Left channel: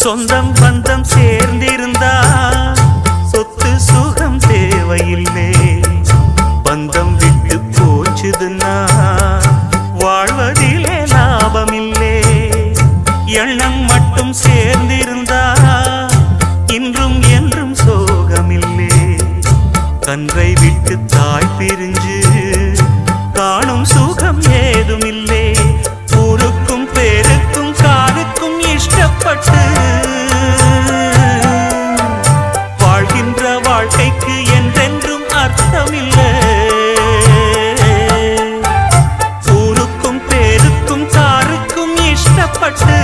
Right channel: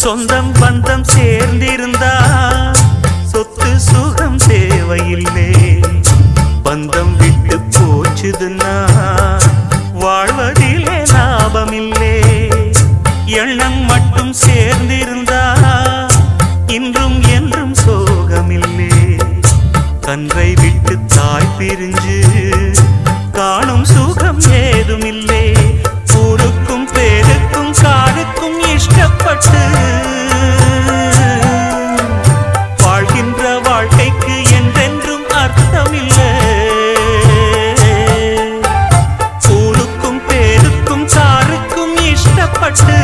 சொந்தம் பந்தம் சேர்ந்திருந்தா சொத்து சுகம் தேவையில்லை. பந்தம் விட்டு போச்சுதுன்னா வாழ்வதிலே லாபமில்லை. எண்ணம் மட்டும் சேர்ந்திருந்தா இன்றும் என்றும் சோகமில்லை. கன்றை விட்டு தாய் பிரிஞ்சு காணும் சுகம் ஏதுமில்லை. ஊருக்கும் பேருக்கும் காருக்கும் இஷ்டப்பட்டு வாழ்கின்ற வாழ்க்கைக்கு என்றென்றும் அர்த்தமில்லை. ஊருக்கும் பேருக்கும் காருக்கும் இஷ்டப்பட்டு